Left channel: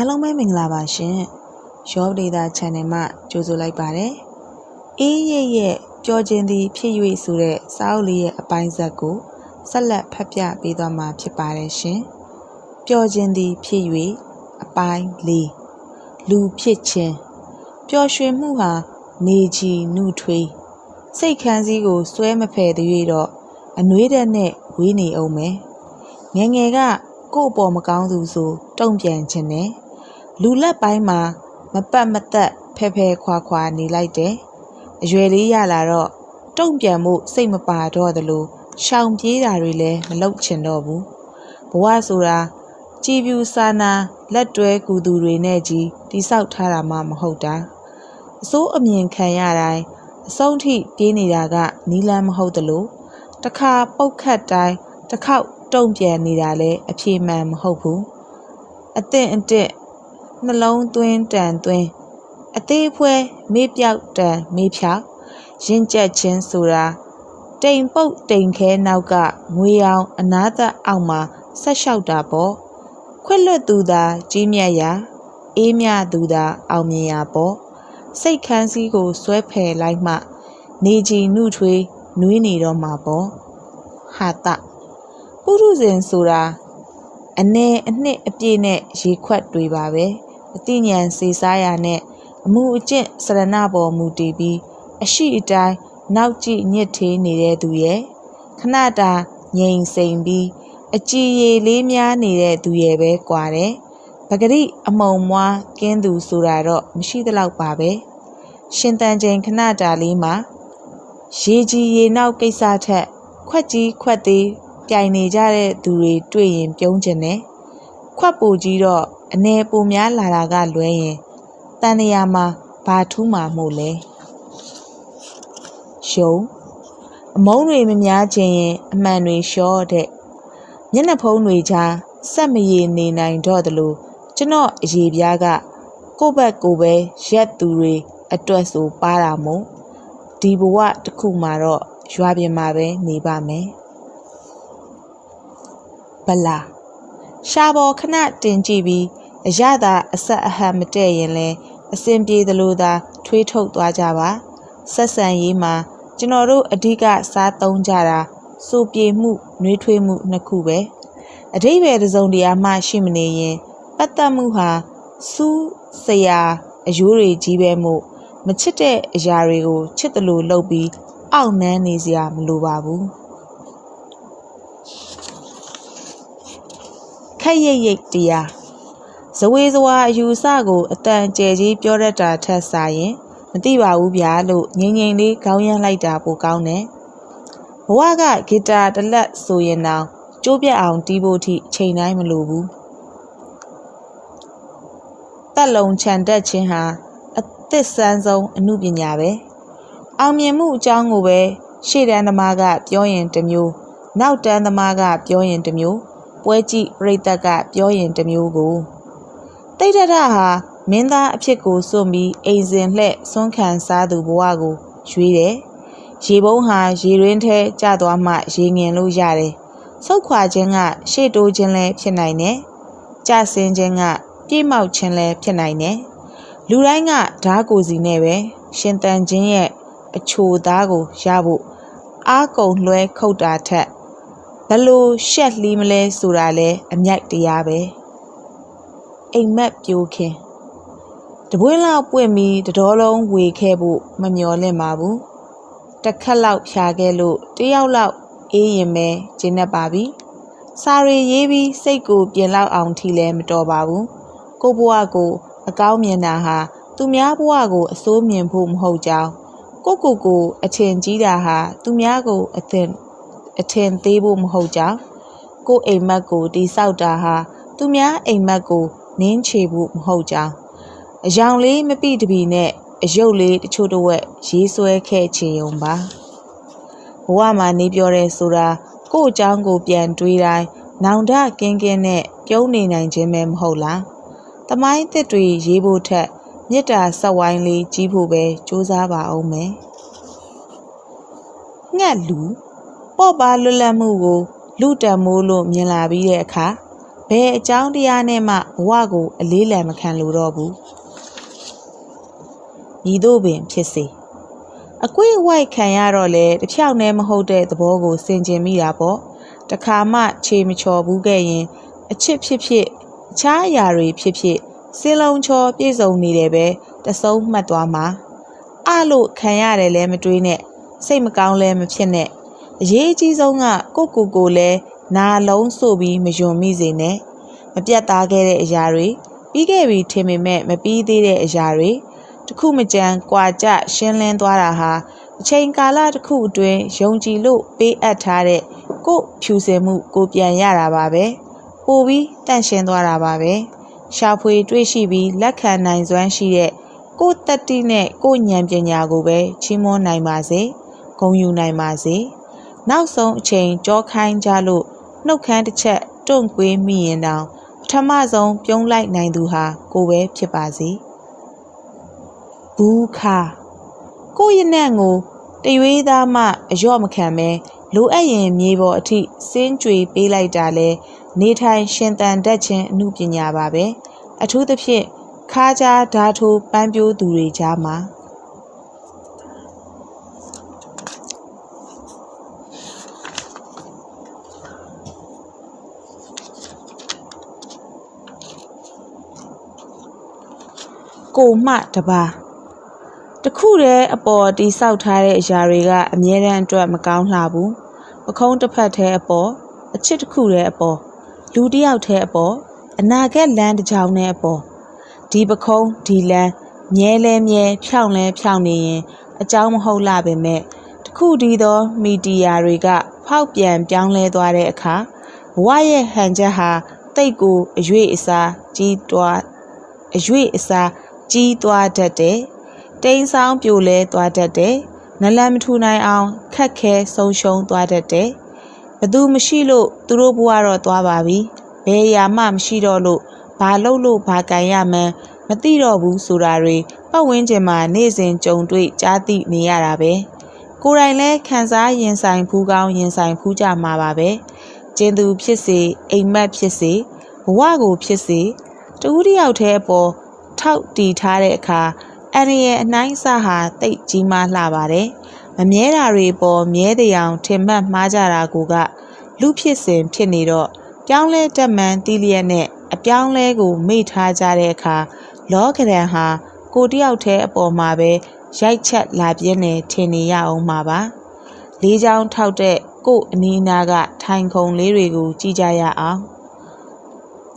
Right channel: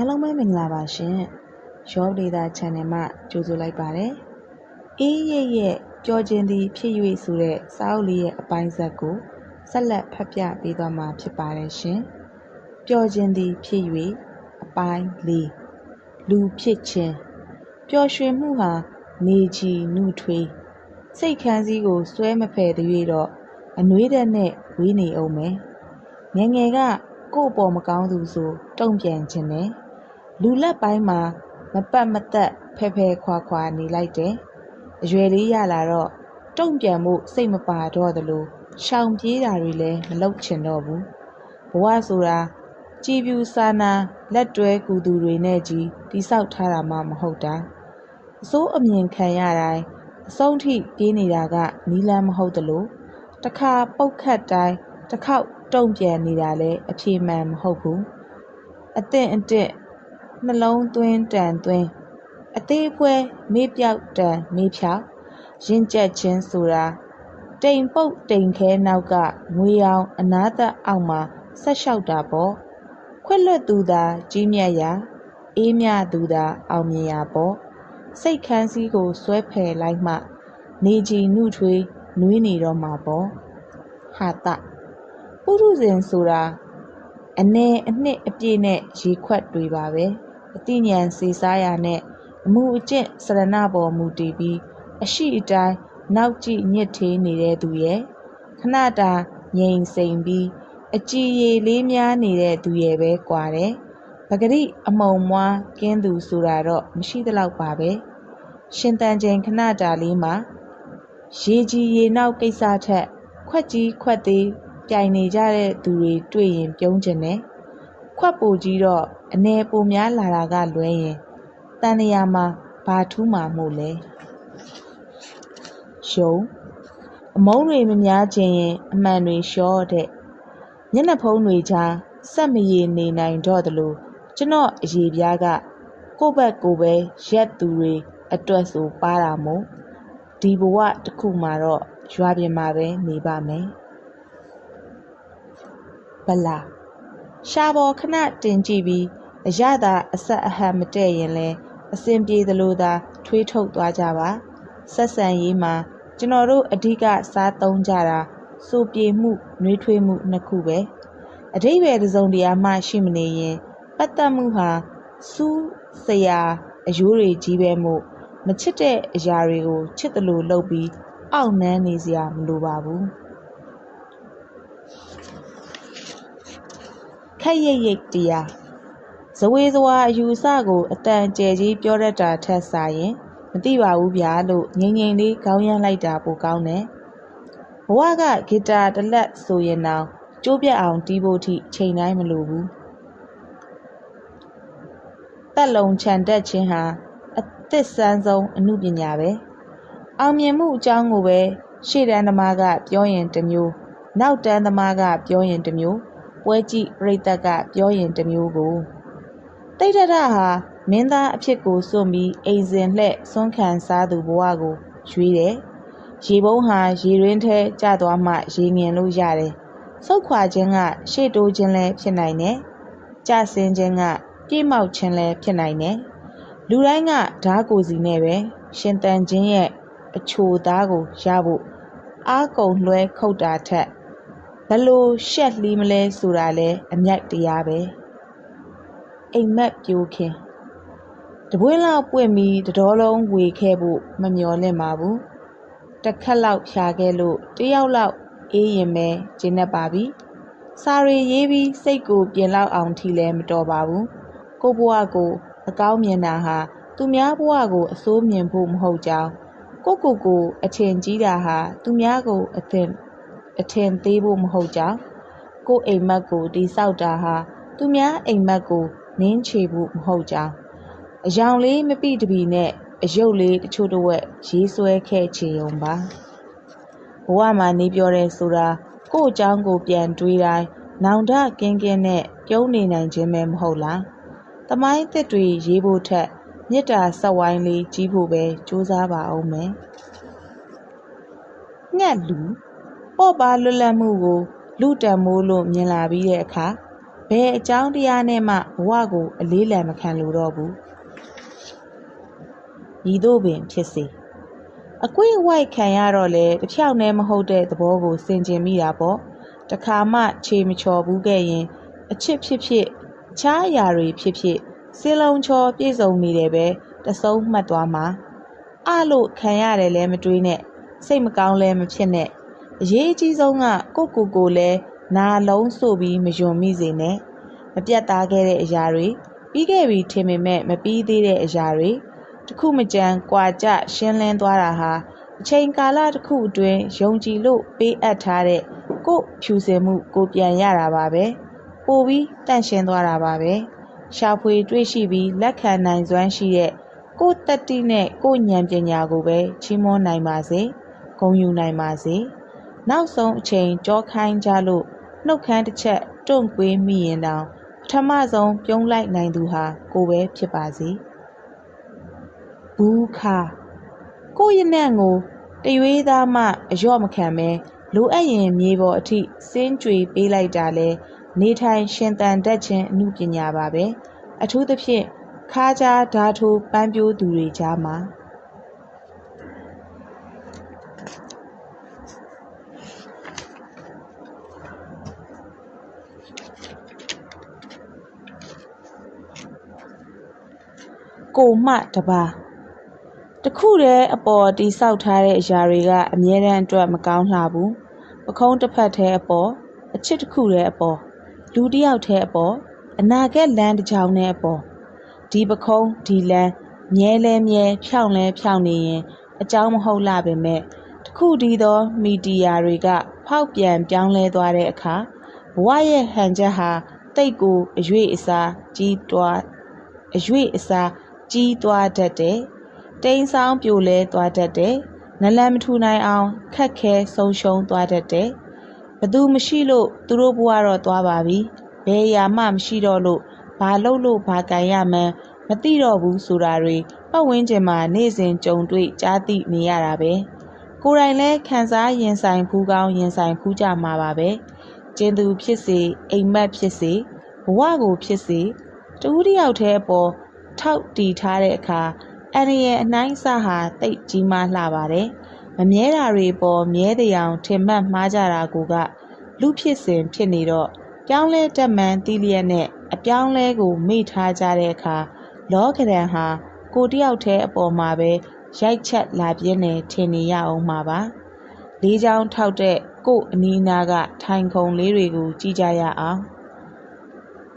အားလုံးပဲမင်္ဂလာပါရှင်ရောဒေတာ channel မှာကြိုဆိုလိုက်ပါတယ်အေးရဲ့ရဲ့ပျော်ခြင်းသည်ဖြစ်၍ဆိုတဲ့စာအုပ်လေးရဲ့အပိုင်းဇက်ကိုဆက်လက်ဖတ်ပြပေးသွားမှာဖြစ်ပါတယ်ရှင်ပျော်ခြင်းသည်ဖြစ်၍အပိုင်း၄လူဖြစ်ခြင်းပျော်ရွှင်မှုဟာနေကြီးနှုထွေးစိတ်ခန်းစည်းကိုစွဲမဖယ်သေး၍တော့အနှွေးတဲ့နဲ့ဝေးနေအောင်မယ်ငယ်ငယ်ကကို့အပေါ်မကောင်းသူဆိုတုံ့ပြန်ခြင်းနဲ့ လူလက်ပိုင်းမှာ မပတ်မသက်ဖဲဖဲခွာခွာနေလိုက်တယ်အရွယ်လေးရလာတော့တုံ့ပြန်မှုစိတ်မပါတော့သလိုရှောင်ပြေးတာတွေလည်းမလုပ်ချင်တော့ဘူးဘဝဆိုတာကြည်ပြူစာနာလက်တွဲကူသူတွေနဲ့ကြီးတိဆောက်ထားတာမှမဟုတ်တာအစိုးအမြင်ခံရတိုင်းအဆုံးထိပြေးနေတာကနီလန်းမဟုတ်သလိုတစ်ခါပုတ်ခတ်တိုင်းတစ်ခေါက်တုံ့ပြန်နေတာလည်းအပြေမှန်မဟုတ်ဘူးအသင့်အတင့် နှလုံးသွင်းတန်သွင်းအသေးဖွဲမေးပြောက်တန်မေးဖြောက်ရင်ကြက်ချင်းဆိုတာတိမ်ပုတ်တိမ်ခဲနောက်ကငွေအောင်အနာသက်အောက်မှာဆက်လျှောက်တာပေါ့ခွက်လွတ်သူသာကြီးမြတ်ရာအေးမြသူသာအောင်မြင်ရာပေါ့စိတ်ခန်းစည်းကိုဆွဲဖယ်လိုက်မှ နေကြီးနှုထွေးနွေးနေတော့မှာပေါ့ဟာတပုရုဇဉ်ဆိုတာအ ਨੇ အနှစ်အပြည့်နဲ့ရေခွက်တွေပါပဲ အတိညာဉ်စေစားရနဲ့အမှုအကျင့်စရဏပေါ်မူတည်ပြီးအရှိအတိုင်းနောက်ကြည့်ညစ်သေးနေတဲ့သူရဲ့ခဏတာငြိမ်စိမ်ပြီးအကြည်ရည်လေးများနေတဲ့သူရဲ့ပဲကွာတယ်ပဂရိအမုံမွားကင်းသူဆိုတာတော့မရှိသလောက်ပါပဲရှင်တန်ချိန်ခဏတာလေးမှာရေကြီးရေနောက်ကိစ္စထက်ခွက်ကြီးခွက်သေးပြိုင်နေကြတဲ့သူတွေတွေ့ရင်ပြုံးကျင်တယ်ခွက်ပူကြီးတော့ အနေပူများလာတာကလွဲရင်တန်နေရာမှာဘာထူးမှာမို့လဲရှုံအမုန်းတွေမများခြင်းရင်အမှန်တွေလျှော့တဲ့မျက်နှာဖုံးတွေကြားစက်မရည်နေနိုင်တော့သလိုကျွန်တော်အရေးပြားကကိုယ့်ဘက်ကိုယ်ပဲရက်သူတွေအတွက်ဆိုပါတာမို့ဒီဘဝတစ်ခုမှာတော့ရွာပြင်မှာပဲနေပါမယ်ဗလာရှာပေါ်ခဏတင်ကြည့်ပြီး အရသာအဆက်အဟန်မတည့်ရင်လဲအစင်ပြေသလိုသာ ထွေးထုတ်သွားကြပါဆက်ဆံရေးမှာကျွန်တော်တို့အဓိကစားသုံးကြတာစိုးပြေမှုနှွေးထွေးမှုနှစ်ခုပဲအတိဘယ်တစ်စုံတရာမှရှိမနေရင်ပတ်သက်မှုဟာစူးစရာအယိုးတွေကြီးပဲမို့မချစ်တဲ့အရာတွေကိုချစ်တယ်လို့လုပ်ပြီးအောက်နှမ်းနေစရာမလိုပါဘူးခက်ရိတ်ရိတ်တရား ဇဝေဇဝါအယူဆကိုအတန်ကျဲကြီးပြောတတ်တာထက်စာရင်မသိပါဘူးဗျာလို့ငိမ့်ငိမ့်လေးခေါင်းရမ်းလိုက်တာပိုကောင်းတယ်ဘဝကဂီတာတစ်လက်ဆိုရင်တော့ကျိုးပြတ်အောင်တီးဖို့ထိချိန်တိုင်းမလိုဘူးတက်လုံခြံတက်ခြင်းဟာအသစ်ဆန်းဆုံးအမှုပညာပဲအောင်မြင်မှုအကြောင်းကိုပဲရှေ့တန်းသမားကပြောရင်တစ်မျိုးနောက်တန်းသမားကပြောရင်တစ်မျိုးပွဲကြည့်ပြိတ္တကပြောရင်တစ်မျိုးကို တိတ်တရဟာမင်းသားအဖြစ်ကိုစွန့်ပြီးအိမ်စဉ်လှဲ့ဆွမ်းခံစားသူဘဝကိုရွေးတယ်ရေပုံးဟာရေရင်းထဲကျသွားမှရေငင်လို့ရတယ်ဆုတ်ခွာခြင်းကရှေ့တိုးခြင်းလည်းဖြစ်နိုင်တယ်ကြဆင်းခြင်းကပြေးမောက်ခြင်းလည်းဖြစ်နိုင်တယ်လူတိုင်းကဓာကိုစီနဲ့ပဲရှင်တန်ခြင်းရဲ့အချိုသားကိုရဖို့အားကုန်လွှဲခုတ်တာထက်ဘလို့ရှက်လီးမလဲဆိုတာလဲအမြိုက်တရားပဲ အိမ်မက်ပြိုးခင်တပွင့်လောက်ပွင့်ပြီးတတော်လုံးဝေခဲ့ဖို့မမျော်လင့်ပါဘူးတစ်ခက်လောက်ဖြာခဲ့လို့တယောက်လောက်အေးရင်ပဲကျင်းနေပါပြီစာရီရေးပြီးစိတ်ကိုပြင်လောက်အောင်ထီလဲမတော်ပါဘူးကိုဘွားကို အကောင်းမြင်တာဟာသူများဘဝကိုအစိုးမြင်ဖို့မဟုတ်ကြောင်းကိုကိုကိုအထင်ကြီးတာဟာသူများကိုအသင်အထင်သေးဖို့မဟုတ်ကြောင်းကိုအိမ်မက်ကိုတိဆောက်တာဟာသူများအိမ်မက်ကို နင်းချေဖို့မဟုတ်ကြောင်းအယောင်လေးမပိတပီနဲ့အယုတ်လေးတချို့တော့ဝက်ရေးဆွဲခဲ့ချင်ုံပါဘဝမှာနေပြောရဲဆိုတာကို့အကြောင်းကိုပြန်တွေးတိုင်းနောင်တကင်းကင်းနဲ့ပြုံးနေနိုင်ခြင်းပဲမဟုတ်လားတမိုင်းသစ်တွေရေးဖို့ထက်မေတ္တာဆက်ဝိုင်းလေးကြီးဖို့ပဲစူးစမ်းပါအောင်မယ်ငှက်လူပေါ့ပါလွတ်လပ်မှုကိုလူတံမိုးလို့မြင်လာပြီးတဲ့အခါ ဘယ်အကြောင်းတရားနဲ့မှဘဝကို အလေးလံမခံလိုတော့ဘူးညီတို့ပင်ဖြစ်စေအကွေ့အဝိုက်ခံရတော့လေတစ်ဖြောက်နဲ့မဟုတ်တဲ့သဘောကိုစင်ကျင်မိတာပေါ့တခါမှခြေမချော်ဘူးခဲ့ရင် အချစ်ဖြစ်ဖြစ်အခြားအရာတွေဖြစ်ဖြစ်စင်းလုံးချော်ပြည့်စုံနေတယ်ပဲတဆုံးမှတ်သွားမှာအလို့ခံရတယ်လဲမတွေးနဲ့စိတ်မကောင်းလဲမဖြစ်နဲ့အရေးအကြီးဆုံးကကိုကိုကိုလဲ နာလုံးဆိုပြီးမယွန်မိစေနဲ့မပြတ်သားခဲ့တဲ့အရာတွေပြီးခဲ့ပြီထင်ပေမဲ့မပြီးသေးတဲ့အရာတွေတစ်ခုမကြမ်းကွာကြရှင်းလင်းသွားတာဟာအချိန်ကာလတစ်ခုအတွင်းယုံကြည်လို့ပေးအပ်ထားတဲ့ကို့ဖြူစင်မှုကိုပြန်ရတာပါပဲပိုပြီးတန့်ရှင်းသွားတာပါပဲရှာဖွေတွေ့ရှိပြီးလက်ခံနိုင်စွမ်းရှိတဲ့ကို့တက်တိနဲ့ကို့ဉာဏ်ပညာကိုပဲချီးမွမ်းနိုင်ပါစေဂုဏ်ယူနိုင်ပါစေနောက်ဆုံးအချိန်ကြောခိုင်းကြလို့ နှုတ်ခမ်းတစ်ချက်တွန့်ကွေးမိရင်တောင်ပထမဆုံးပြုံးလိုက်နိုင်သူဟာကိုပဲဖြစ်ပါစေဘူးခါကိုယ့်ရဲ့နဲ့ကိုတရွေးသားမှအလျော့မခံပဲလိုအပ်ရင်မြေပေါ်အထိစင်းကြွေပေးလိုက်တာလဲနေထိုင်ရှင်သန်တတ်ခြင်းအမှုပညာပါပဲအထူးသဖြင့်ခါးကြားဓာထိုးပန်းပြိုးသူတွေကြားမှာ ကိုမှတပါတခုတည်းအပေါ်တိဆောက်ထားတဲ့အရာတွေကအမြဲတမ်းအတွက်မကောင်းလှဘူးပခုံးတစ်ဖက်တည်းအပေါ်အချစ်တစ်ခုတည်းအပေါ်လူတစ်ယောက်တည်းအပေါ်အနာဂတ်လမ်းတစ်ကြောင်းနဲ့အပေါ်ဒီပခုံးဒီလမ်းမြဲလဲမြဲဖြောင်းလဲဖြောင်းနေရင်အကြောင်းမဟုတ်လာပဲမဲ့တခုတည်းသောမီဒီယာတွေက ဖောက်ပြန်ပြောင်းလဲသွားတဲ့အခါဘဝရဲ့ဟန်ချက်ဟာတိတ်ကိုအရွေ့အစားကြီးတွားအရွေ့အစား ကြီးသွားတတ်တယ်တိမ်ဆောင်ပြိုလဲသွားတတ်တယ်နလန်မထူနိုင်အောင်ခက်ခဲဆုံးရှုံးသွားတတ်တယ်ဘသူမရှိလို့သူတို့ဘဝတော့သွားပါပြီဘယ်ရာမှမရှိတော့လို့ဘာလုပ်လို့ဘာကန်ရမှန်းမသိတော့ဘူးဆိုတာတွေပတ်ဝန်းကျင်မှာနေ့စဉ်ကြုံတွေ့ကြားသိနေရတာပဲကိုယ်တိုင်လဲခံစားရင်ဆိုင်ဖူးကောင်းရင်ဆိုင်ဖူးကြမှာပါပဲကျင်သူဖြစ်စေအိမ်မက်ဖြစ်စေဘဝကိုဖြစ်စေတူးတယောက်တည်းအပေါ် ထောက်တီထားတဲ့အခါအန်ရဲ့အနှိုင်းစာဟာတိတ်ကြီးမားလှပါတယ်မမြဲတာတွေပေါ်မြဲတဲ့အောင်ထင်မှတ်မှားကြတာကိုကလူဖြစ်စဉ်ဖြစ်နေတော့ပြောင်းလဲတက်မှန်တီးလျက်နဲ့အပြောင်းလဲကိုမေ့ထားကြတဲ့အခါလောကရန်ဟာကိုတယောက်တည်းအပေါ်မှာပဲရိုက်ချက်လာပြင်းနေထင်နေရအောင်မှာပါလေးချောင်းထောက်တဲ့ကို့အနီးနားကထိုင်ခုံလေးတွေကိုကြည့်ကြရအောင်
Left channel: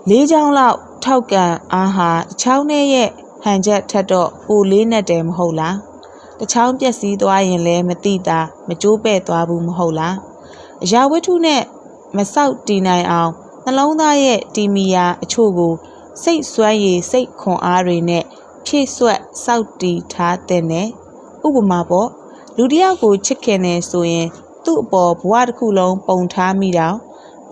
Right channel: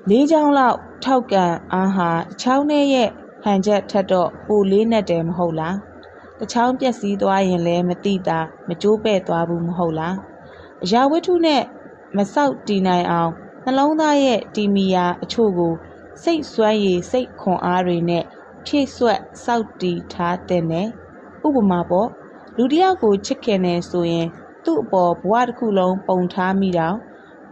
လေးချောင်းလောက် ထောက်ကန်အားဟာတချောင်းနဲ့ရဲ့ဟန်ချက်ထက်တော့ပိုလေးနဲ့တယ်မဟုတ်လားတချောင်းပြက်စီးသွားရင်လည်းမတိတာမကြိုးပဲ့သွားဘူးမဟုတ်လားအရာဝတ္ထုနဲ့မဆောက်တည်နိုင်အောင်နှလုံးသားရဲ့တီမီယာအချို့ကိုစိတ်စွမ်းရည်စိတ်ခွန်အားတွေနဲ့ဖြည့်ဆွက်စောက်တည်ထားတဲ့နဲ့ဥပမာပေါ့လူတစ်ယောက်ကိုချစ်ခင်နေဆိုရင် သူ့အပေါ်ဘဝတစ်ခုလုံးပုံထားမိတော့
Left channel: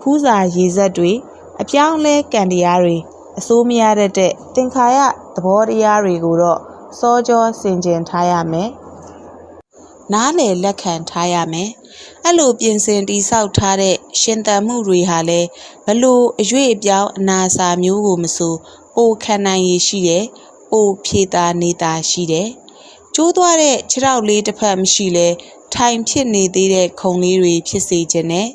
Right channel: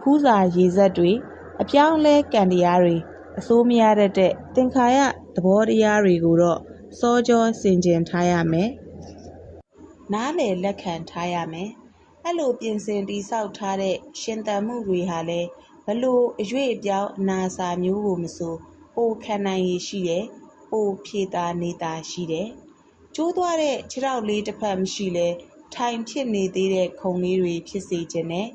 ခူးစာရေစက်တွေအပြောင်းလဲကံတရားတွေ အစိုးမရတဲ့တဲ့သင်္ခါရသဘောတရားတွေကိုတော့စောကြောဆင်ခြင်ထားရမယ်နားလေလက်ခံထားရမယ်အဲ့လိုပြင်ဆင်တိဆောက်ထားတဲ့ရှင်သန်မှုတွေဟာလည်းဘလို့အရွေ့အပြောင်းအနာစာမျိုးကိုမဆိုပိုခံနိုင်ရရှိတယ်ပိုဖြေတာနေတာရှိတယ်ကျိုးသွားတဲ့ခြေထောက်လေးတစ်ဖက်မရှိလဲထိုင်ဖြစ်နေသေးတဲ့ခုံလေးတွေဖြစ်စေခြင်းနဲ့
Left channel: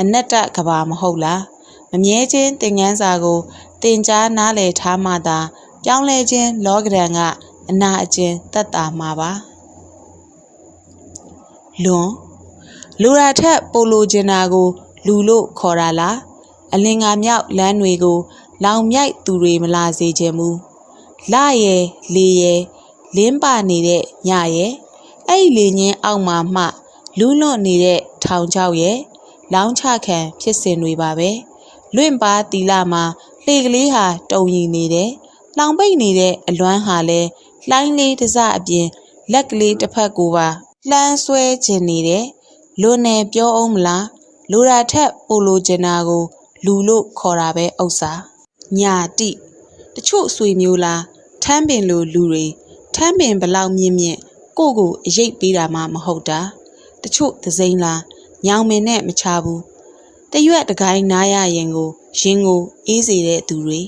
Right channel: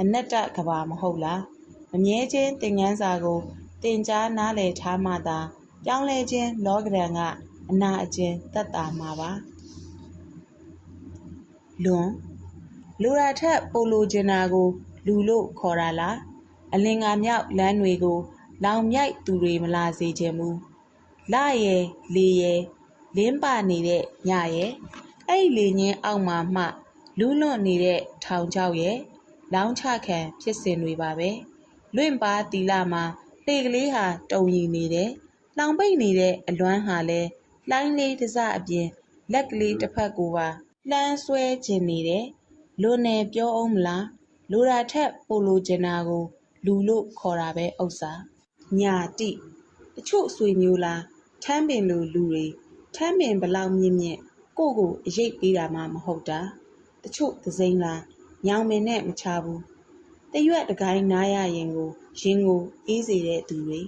အနတ္တကဘာမဟုတ်လား မမြဲခြင်းသင်ငန်းစာကိုတင်ကြားနားလည်ထားမှသာပြောင်းလဲခြင်းလောကဒဏ်ကအနာအကျဉ်သက်တာမှာပါလွန်လူရာထက်ပိုလိုချင်တာကို လူလို့ခေါ်တာလားအလင်္ကာမြောက်လမ်းတွေကို လောင်မြိုက်သူတွေမလာစေခြင်းမူလာရဲ့လေရဲ့လင်းပနေတဲ့ညရဲ့အဲ့ဒီလေညင်းအောက်မှာမှလူးလွတ်နေတဲ့ထောင်ချောက်ရဲ့လောင်းချခံဖြစ်စဉ်တွေပါပဲ လွင့်ပါတီလာမှာလှေကလေးဟာတုံရီနေတယ်။လောင်ပိတ်နေတဲ့အလွမ်းဟာလဲလှိုင်းလေးတစ်စအပြင်လက်ကလေးတစ်ဖက်ကိုပါလှမ်းဆွဲခြင်းနေတယ်။လွန်နေပြောအောင်မလား။လူရာထက်ပိုလိုချင်တာကို လူလို့ခေါ်တာပဲဥစ္စာ။ညာတိတချို့ဆွေမျိုးလားထမ်းပင်လိုလူတွေထမ်းပင်ဘလောက်မြင့်မြင့်ကိုကိုအရိပ်ပေးတာမှမဟုတ်တာတချို့သစိမ်းလားညောင်မင်နဲ့မချဘူး တရွက်တကိုင်းနားရရင်ကိုရင်ကိုအေးစေတဲ့သူတွေ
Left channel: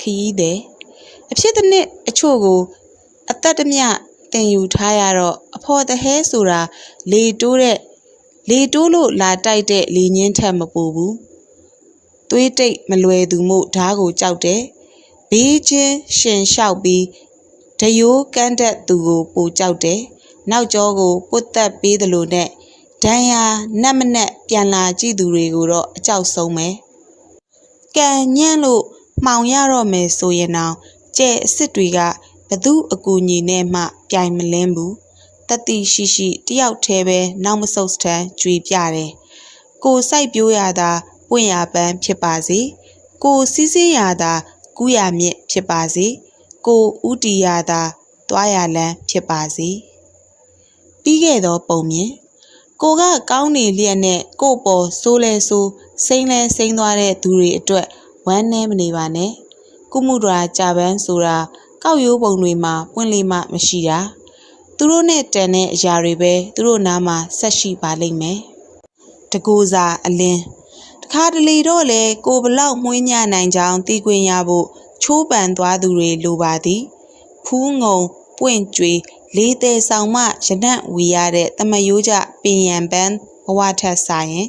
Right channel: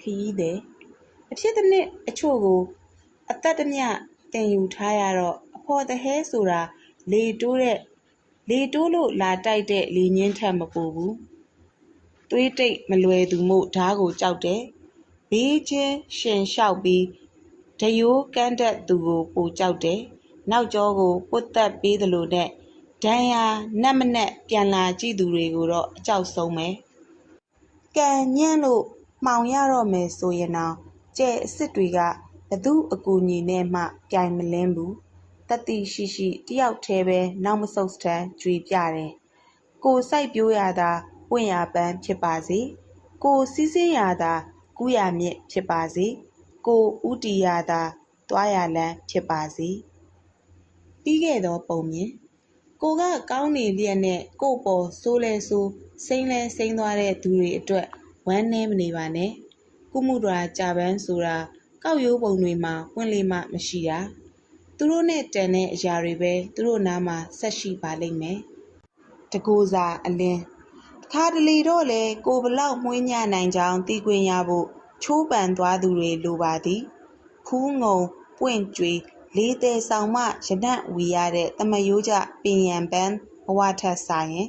ခရီးသည်အဖြစ်တစ်နှစ်အချို့ကို အသက်တမျှတင်ယူထားရတော့အဖော်တဟဲဆိုတာလေတိုးတဲ့လေတိုးလို့လာတိုက်တဲ့လေညင်းထက်မပူဘူးသွေးတိတ်မလွယ်သူမို့ဓားကိုကြောက်တယ်ဘေးချင်းရှင်လျှောက်ပြီးဒယိုးကန်းတဲ့သူကိုပိုကြောက်တယ်နောက်ကျောကိုပုတ်သက်ပေးသလိုနဲ့ ဒဏ်ရာနက်မနက်ပြန်လာကြည့်သူတွေကိုတော့အကြောက်ဆုံးပဲကံညံ့လို့မှောင်ရတော့မယ်ဆိုရင်တော့ကျဲအစ်စ်တွေကဘသူအကူညီနဲ့မှပြိုင်မလင်းဘူးတတိရှိရှိတယောက်တည်းပဲနောက်မဆုတ်စတမ်းကြွေပြတယ်ကိုစိုက်ပြိုးရတာပွင့်ရပန်းဖြစ်ပါစေကိုစီးစင်းရတာကူးရမြင့်ဖြစ်ပါစေကိုဥတီရတာသွားရလန်းဖြစ်ပါစေပြီးခဲ့သောပုံမြင် ကိုကကောင်းနေလျက်နဲ့ကို့ပေါ်ဆိုးလဲဆိုးစိမ့်လဲစိမ့်သွားတဲ့သူတွေအတွက်ဝမ်းနည်းမနေပါနဲ့ကုမှုဒရာကြာပန်းဆိုတာကောက်ရိုးပုံတွေမှာပွင့်လိမ့်မှမရှိတာသူတို့နဲ့တန်တဲ့အရာတွေပဲသူတို့နားမှာဆက်ရှိပါလိမ့်မယ်တကူစာအလင်းတခါတလေတော့လေကိုဘလောက်မှုညနိုင်ကြောင်းသိခွင့်ရဖို့ချိုးပန်သွားသူတွေလိုပါသည်ဖူးငုံပွင့်ကြွေ လေးသေးဆောင်မှရနံ့ဝီရတဲ့တမယိုးကြပင်ရန်ပန်းဘဝထက်ဆိုင်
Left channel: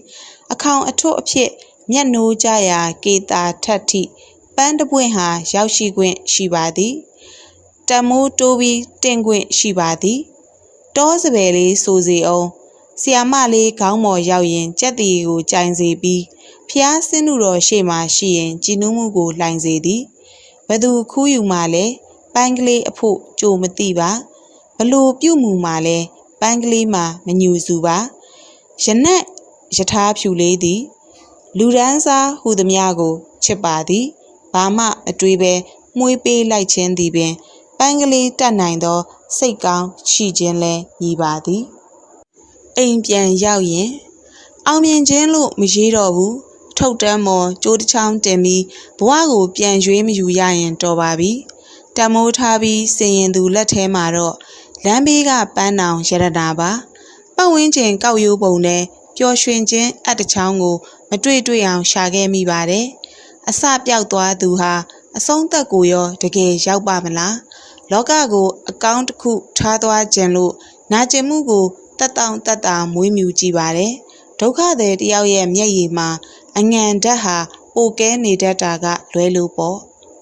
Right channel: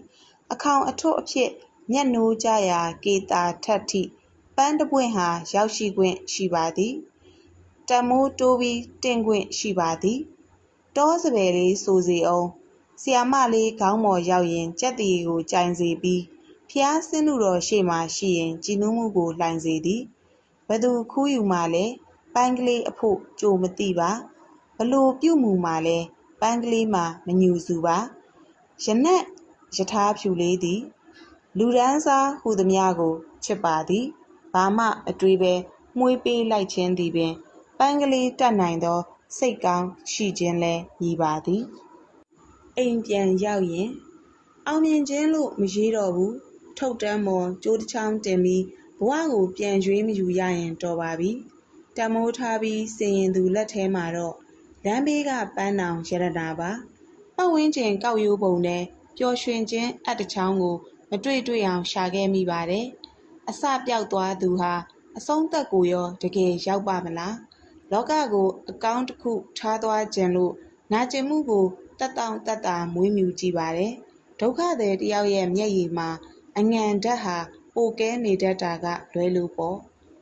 အခေါင်အထွတ်အဖြစ်မျက်နှိုးကြရာကေတာထက်ထိပန်းတပွင့်ဟာရောက်ရှိခွင့်ရှိပါသည်တမိုးတိုးပြီးတင်ခွင့်ရှိပါသည်တောစပယ်လေးဆိုစီအောင်ဆီယာမလေးခေါင်းမော်ရောက်ရင်ကြက်တီကိုကြိုင်စေပြီးဖျားဆင်းသူတော်ရှေ့မှရှိရင်ကြည်နူးမှုကိုလှိုင်စေသည်ဘသူခူးယူမှလဲပန်းကလေးအဖို့ကြိုမသိပါဘ လို့ပြုတ်မှုမှလဲပန်းကလေးမှမညူစုပါရနက်ယထာဖြူလေးသည် လူဒန်းစားဟူသည်များကိုချစ်ပါသည်ဘာမှအတွေးပဲမှုေးပေးလိုက်ခြင်းသည်ပင်ပန်းကလေးတတ်နိုင်သော စိတ်ကောင်းရှိခြင်းလဲညီပါသည်အိမ်ပြန်ရောက်ရင် အောင်မြင်ခြင်းလို့မရေးတော့ဘူးထုတ်တမ်းမော်ကြိုးတစ်ချောင်းတင်ပြီးဘဝကိုပြန်ရွေးမယူရရင်တော်ပါပြီတမိုးထားပြီးစင်ရင်သူလက်ထဲမှာတော့ လမ်းဘေးကပန်းတောင်ရတနာပါပတ်ဝန်းကျင်ကောက်ရိုးပုံနဲ့ပျော်ရွှင်ခြင်းအတ္တချောင်းကို မတွေ့တွေ့အောင်ရှာခဲ့မိပါတယ်အစပြောက်သွားသူဟာအဆုံးသက်ကိုရောတကယ်ရောက်ပါမလားလောကကို အကောင့်တစ်ခုထားသွားခြင်းလို့နာကျင်မှုကိုတက်တောင့်တက်တာမွေးမြူကြည့်ပါတယ်ဒုက္ခသည်တယောက်ရဲ့မျက်ရည်မှာအငံဓာတ်ဟာပိုကဲနေတတ်တာကလွဲလို့ပေါ့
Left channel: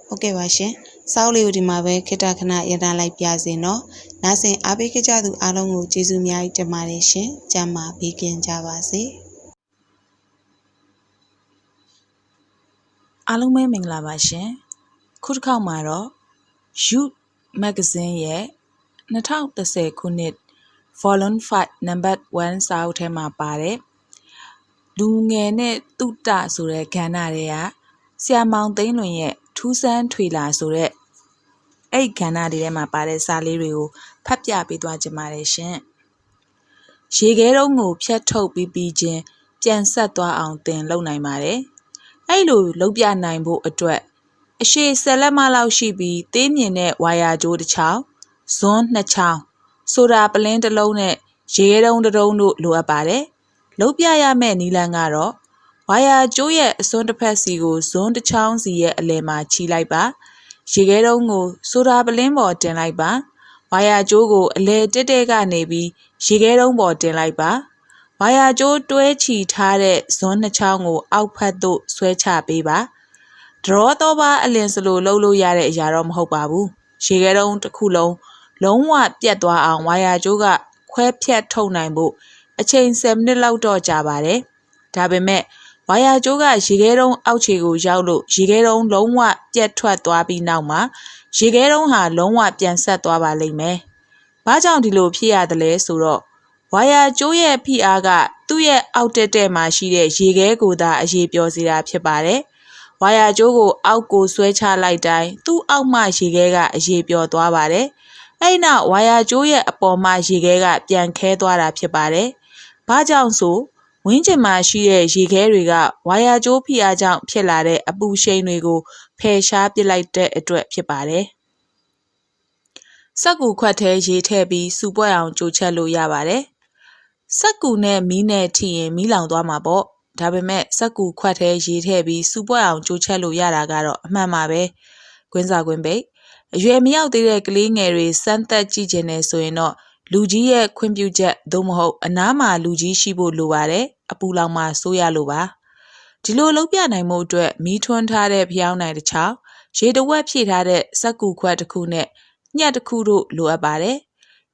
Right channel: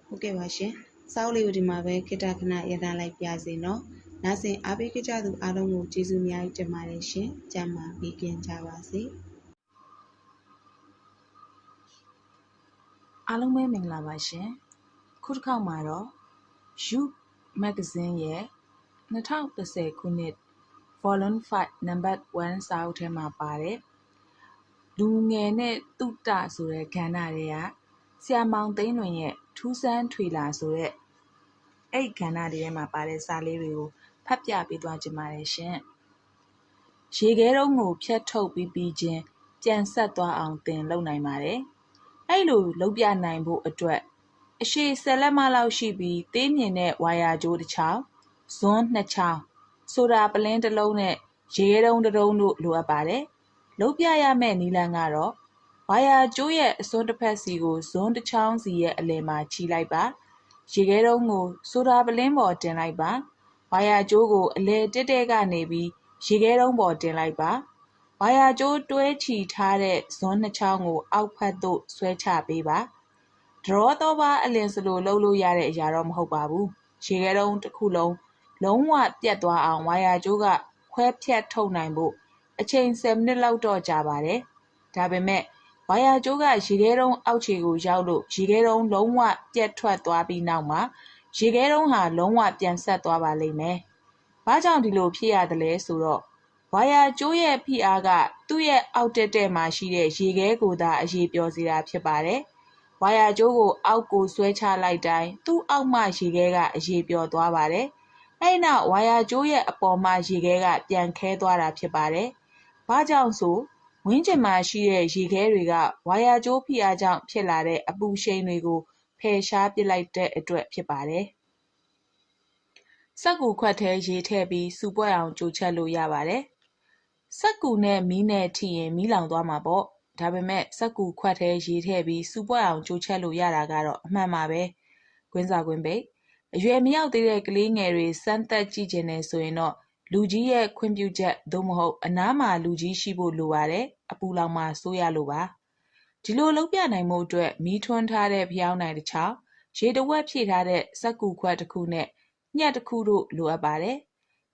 ဟုတ်ကဲ့ပါရှင် စောက်လေးကိုဒီမှာပဲခိတခဏရတလိုက်ပြစေနော်နားဆင်အားပေးကြသူအားလုံးကိုကျေးဇူးအများကြီးတင်ပါတယ်ရှင်ကျမ်းမာပေးကင်းကြပါစေအားလုံးပဲမင်္ဂလာပါရှင်ခုတစ်ခေါက်မှာတော့ Youth Magazine ရဲ့2010ခုနှစ် Volume 5 Number 1စာအုပ်ထဲမှာပါတယ်လူငယ်နဲ့တုတဆိုတဲ့ကဏ္ဍတွေကဆရာမောင်သိန်းလွင်ရဲ့ထူးဆန်းထွေလာဆိုတဲ့ အဲ့ဒီကဏ္ဍတွေထဲမှာပါတဲ့စာလေးတွေကိုဖတ်ပြပေးသွားကြပါတယ်ရှင်ရေခဲတုံးကိုဖြတ်ထုတ်ပြီးပြီးချင်းပြန်ဆက်သွားအောင်တင်လုပ်နိုင်ပါတယ်အဲ့လိုလုပ်ပြနိုင်ဖို့အတွက်အရှိဆယ်လက်မလောက်ရှိပြီးသေးမြင်တဲ့ဝါယာကြိုးတစ်ချောင်းဇွန်းနှစ်ချောင်းဆိုတာပလင်းတစ်လုံးနဲ့ရေခဲတုံးတစ်တုံးတို့လိုအပ်ပါတယ်လုပ်ပြရမယ့်နီလန်ကတော့ဝါယာကျိုးရဲ့အစွန်းတစ်ဖက်စီကိုဇွန်းတစ်ချောင်းစီရဲ့အလယ်မှာခြိလိုက်ပါ ရေခဲတုံးကိုဆိုတာပလင်းပေါ်တင်လိုက်ပါဝါယာကျိုးကိုအလယ်တက်တက်ကနေပြီးရေခဲတုံးပေါ်တင်လိုက်ပါဝါယာကျိုးတွဲချီထားတဲ့ဇွန်းနှစ်ချောင်းကို အောက်ဖက်သို့ဆွဲချပေးပါဒရောတော့ပါအလင်စလိုလှုပ်လို့ရတဲ့အရာတော့မဟုတ်ပါဘူးရေခဲတုံးတစ်ခုလုံးလုံးဝပြတ်သွားအောင်ဝါယာကျိုးကခွဲဖြတ်ထုတ်နိုင်ဖို့အချိန်10မိနစ်လောက်တော့ကြာပါတယ်ဒါပေမဲ့ ဝါယာကျိုးကရေခဲတုံးအောက်ခြေကိုရောက်လို့ရေခဲတုံးလုံးဝပြတ်ထွက်သွားပြီးနောက်မှာရေခဲတုံးဟာလုံးဝပြန်ဆက်သွားပါလိမ့်မယ်။ဘာကြောင့်ဒီလိုဖြစ်ရသလဲဆိုတော့ဝါယာကျိုးရဲ့ဖိအားကသူ့ရဲ့အောက်တက်တက်မှာရှိတဲ့ရေခဲကိုသာအရေးပြောစေတာဖြစ်ပါတယ်။ဝါယာကျိုးကိုအောက်ကိုဆွဲချလိုက်တိုင်းသူ့အောက်မှရေခဲကအရေးပြောသွားပါတယ်။အဲ့နောက်ဝါယာကျိုးရဲ့အပေါ်မှာရေခဲကပြန်ခဲသွားတာဖြစ်ပါတယ်။ဘာကြောင့်ဆို ဝင်းကျင်မှာရှိတဲ့ရေခဲတွေကဝါယာကျိုးဖိအားကြောင့်ဖြစ်လာတဲ့အပူရှိန်တွေကိုဖယ်ရှားပစ်လိုက်တဲ့အတွက်ဖြစ်ပါတယ်။စက်ကူခွက်ထဲရေထည့်ပြီးစူပွက်အောင်ကြိုချက်လို့ရပါတယ်။စက်ကူနဲ့မီးနဲ့ထိရင်မီးလောင်သွားမှာပေါ့။ဒါပေမဲ့စက်ကူခွက်ထဲရေထည့်ပြီးစူပွက်အောင်ကြိုးချက်လို့ရတာကတော့အမှန်ပါပဲကွင်းစာကွင်းပိတ်အရွယ်မရောက်သေးတဲ့ကလေးငယ်တွေစမ်းသက်ကြည့်ကျင်နေဆိုရင်တော့ လူကြီးရဲ့ခွင့်ပြုချက်သို့မဟုတ်အနားမှာလူကြီးရှိဖို့လိုပါတယ်အပူလောင်မှာစိုးရလို့ပါဒီလိုလုပ်ပြနိုင်မှုအတွက်မီးထွန်းထားတဲ့ဖျောင်းနိုင်တစ်ချောင်းရေတဝက်ဖြည့်ထားတဲ့စက်ကူခွက်တစ်ခုနဲ့ညှက်တစ်ခုတို့လိုအပ်ပါတယ်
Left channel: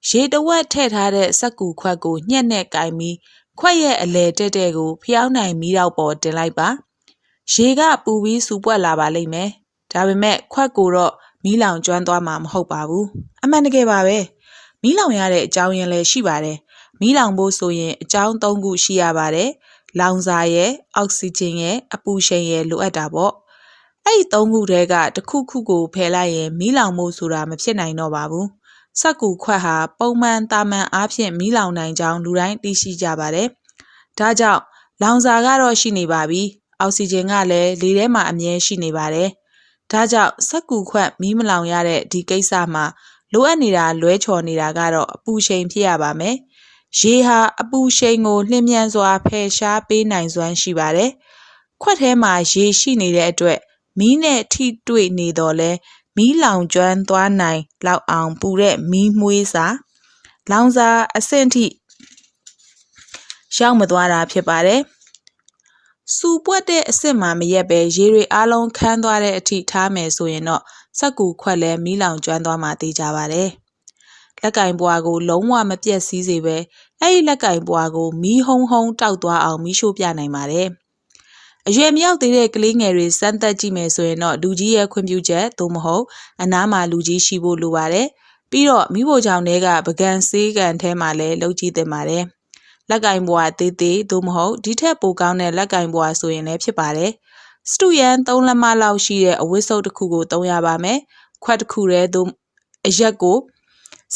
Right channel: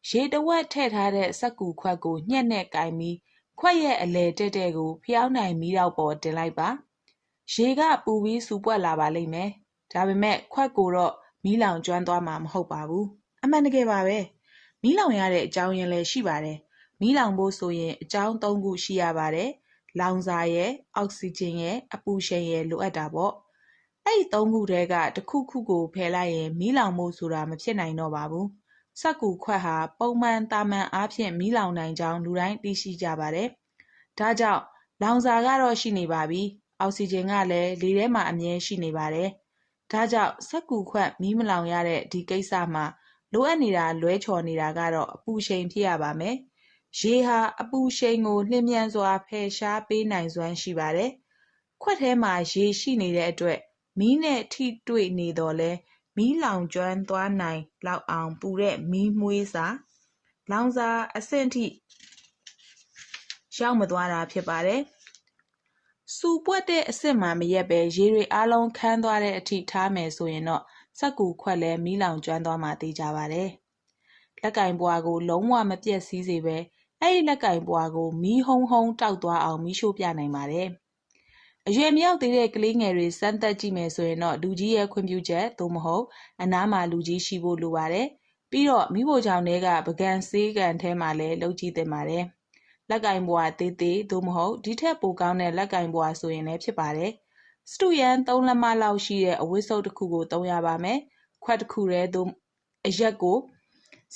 ရေတဝက်ထည့်ထားတဲ့စက်ကူခွက်ကိုညှက်နဲ့ကင်ပြီးခွက်ရဲ့အလဲတက်တဲ့ကိုဖျောင်းနိုင်မီးတော့ပေါ်တင်လိုက်ပါရေကပူပြီးစူပွက်လာပါလိမ့်မယ်ဒါပေမဲ့ခွက်ကိုတော့မီးလောင်ကျွမ်းသွားမှာမဟုတ်ပါဘူးအမှန်တကယ်ပါပဲ မီးလောင်ရတဲ့အကြောင်းရင်းလည်းရှိပါတယ်မီးလောင်ဖို့ဆိုရင်အကြောင်း၃ခုရှိရပါတယ်လောင်စာရဲ့အောက်ဆီဂျင်ရဲ့အပူရှိန်ရဲ့လိုအပ်တာပေါ့အဲ့ဒီ၃ခုတည်းကတစ်ခုခုကိုဖယ်လိုက်ရင်မီးလောင်ဖို့ဆိုတာမဖြစ်နိုင်တော့ပါဘူးစက်ကူခွက်ဟာပုံမှန်တာမန်အားဖြင့်မီးလောင်နိုင်ကြောင်းလူတိုင်းသိရှိကြပါတယ်ဒါကြောင့်လောင်စာကတော့ရှိနေပါပြီအောက်ဆီဂျင်ကလည်းလေထဲမှာအမြဲရှိနေပါတယ်ဒါကြောင့်စက်ကူခွက်မီးမလောင်ရတဲ့ဒီကိစ္စမှာ လိုအပ်နေတာလွဲချော်နေတာကတော့အပူရှိန်ဖြစ်ရပါမယ်ရေဟာအပူရှိန်ကိုလျင်မြန်စွာဖယ်ရှားပေးနိုင်စွမ်းရှိပါတယ်ခွက်ထဲမှာရေရှိနေတဲ့အတွက်မီးနဲ့ထိတွေ့နေတော့လဲမီးလောင်ကျွမ်းသွားနိုင်လောက်အောင်ပူတဲ့မီးမွှေးစာလောင်စာအဆင့်ထိရောက်မသွားတာဖြစ်ပါတယ်စူပွက်တဲ့အစ်စ်မှာမရက်ပဲရေတွေအားလုံးခန်းသွားတဲ့အထိထားမယ်ဆိုရင်တော့ စက်ကူခွက်လဲမီးလောင်ကျွမ်းသွားမှသိကြပါတယ်လက်ကင်ပွားကိုလုံးဝမပြက်စီးစေပဲအဲ့ဒီလက်ကင်ပွားကိုမီးဟုံးဟုံးတောက်သွားအောင်မီးရှို့ပြနိုင်ပါတယ်အရွယ်မရောက်သေးတဲ့ကလေးငယ်တွေစမ်းသက်ကြည့်မယ်ဆိုရင်တော့လူကြီးရဲ့ခွင့်ပြုချက်သို့မဟုတ်အနားမှာလူကြီးရှိဖို့လိုပါတယ်ပြီးတော့မိဖို့ကြောင့်တွေကပကံစေးကန်ထဲမှာလည်းလှုပ်ကြည့်တင်ပါတယ်လက်ကင်ဘွားသေးသေးသို့မဟုတ်ဒီထက်ပိုကောင်းတဲ့လက်ကင်ဘွားဆိုရင်လည်းဖြစ်ပါတယ် စတူယန်3လက်မလောက်ရှိတဲ့အဝတ်စုပ်တစ်ခုကိုသုံးရပါမယ်ခွက်တစ်ခုတည်းသို့အရက်ကို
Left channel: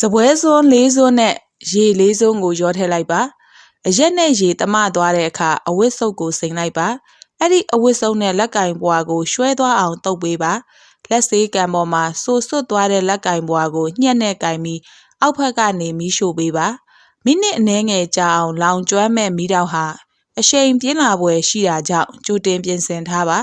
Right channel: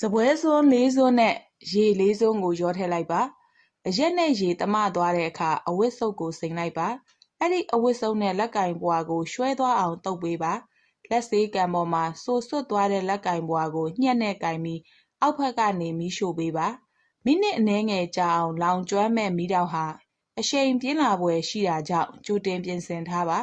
စပွဲစွန်းလေးစွန်းနဲ့ရေလေးစွန်းကိုရောထည့်လိုက်ပါအရက်နဲ့ရေတမသွားတဲ့အခါအဝတ်စုပ်ကိုစိမ်လိုက်ပါအဲ့ဒီအဝတ်စုံနဲ့လက်ကင်ဘွားကိုရွှဲသွားအောင်တုပ်ပေးပါလက်စေးကံပေါ်မှာဆူဆွတ်သွားတဲ့လက်ကင်ဘွားကိုညှက်နဲ့ကင်ပြီးအောက်ဘက်ကနေမီးရှို့ပေးပါမိနစ်အနည်းငယ်ကြာအောင်လောင်ကျွမ်းမဲ့မီးတောက်ဟာ အရှိန်ပြင်းလာပွဲရှိတာကြောင့်ကြိုတင်ပြင်ဆင်ထားပါ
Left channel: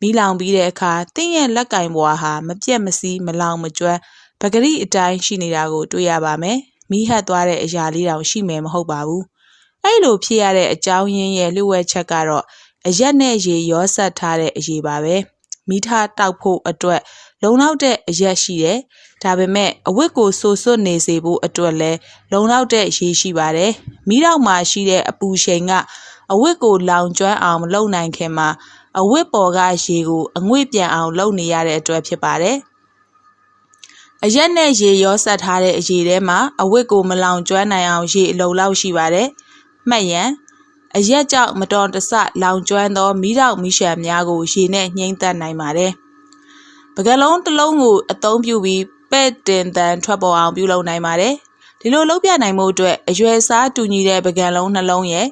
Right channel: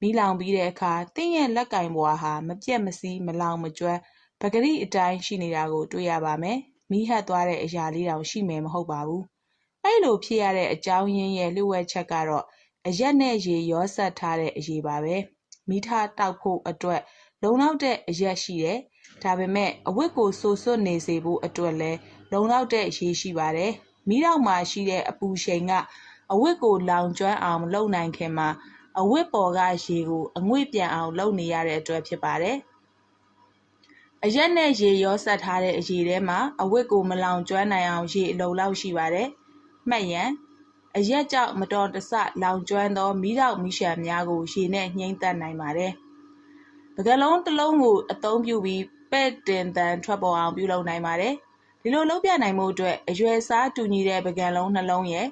မီးလောင်ပြီးတဲ့အခါတင်းရဲ့လက်ကင်ဘွားဟာမပြက်မစီးမလောင်မကျွမ်းပဂရိအတိုင်းရှိနေတာကိုတွေ့ရပါမယ်မီးဟတ်သွားတဲ့အရာလေးတောင်ရှိမယ်မဟုတ်ပါဘူးအဲ့လိုဖြစ်ရတဲ့အကြောင်းရင်းရဲ့လျှို့ဝှက်ချက်ကတော့အရက်နဲ့ရေရောဆက်ထားတဲ့အရေးပါပဲမိထားတောက်ဖို့အတွက် လုံလောက်တဲ့အရက်ရှိတယ်ဒါပေမဲ့အဝတ်ကိုဆူဆွတ်နေစေဖို့အတွက်လည်းလုံလောက်တဲ့ရေရှိပါတယ်မိတော့မှာရှိတဲ့အပူရှိန်က အဝတ်ကိုလောင်ကျွမ်းအောင်မလုပ်နိုင်ခင်မှာအဝတ်ပေါ်ကရေကိုအငွေ့ပြန်အောင်လုပ်နေရတဲ့အတွက်ဖြစ်ပါတယ်အရက်နဲ့ရေရောဆက်ထားတဲ့အရေထဲမှာအဝတ်ကိုမလောင်ကျွမ်းနိုင်အောင်ရေအလုံလောက်ရှိပါတယ်မှတ်ရန်အရက်ကြောင့်မတော်တဆလောင်ကျွမ်းသောမိတော့မိရှံများကိုရေနဲ့ညှိမ့်သက်နိုင်ပါတယ်။ပကလုံးတစ်လုံးကိုအသုံးပြုပြီးပဲ့တင်တန်ထွက်ပေါ်အောင်ပြုလုပ်နိုင်ပါတယ်။ဒီလိုလုပ်ပြနိုင်မှုအတွက်အရွယ်စားတူညီတဲ့ပကံလုံးနှလုံးရဲ့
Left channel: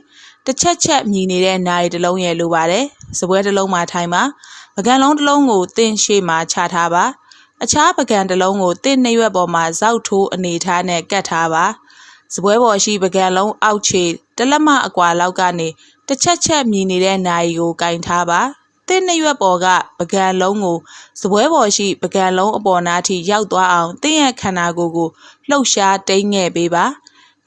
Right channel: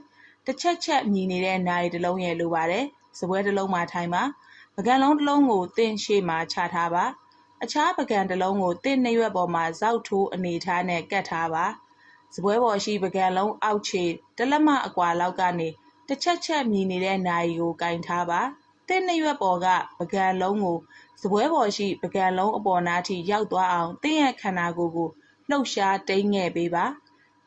တစ်ချက်ချက်မြည်နေတဲ့နိုင်တစ်လုံးရဲ့လိုပါတယ်။စပွဲတစ်လုံးမှာထိုင်ပါ။ပကံလုံးတစ်လုံးကိုတင့်ရှေ့မှာချထားပါ။အခြားပကံတစ်လုံးကိုတင့်နှရွက်ပေါ်မှာဇောက်ထိုးအနေထားနဲ့ကတ်ထားပါ။စပွဲပေါ်ရှိပကံလုံးအောက်ခြေတလက်မအကွာလောက်ကနေတစ်ချက်ချက်မြည်နေတဲ့နိုင်ကိုကင်ထားပါတင်းနှရွက်ပေါ်ကပကံလုံးကိုစပွဲပေါ်ရှိပကံလုံးအပေါ်နားထိရောက်သွားအောင်တင်းရဲ့ခန္ဓာကိုယ်ကိုလှုပ်ရှားတိမ့်ငယ်ပေးပါ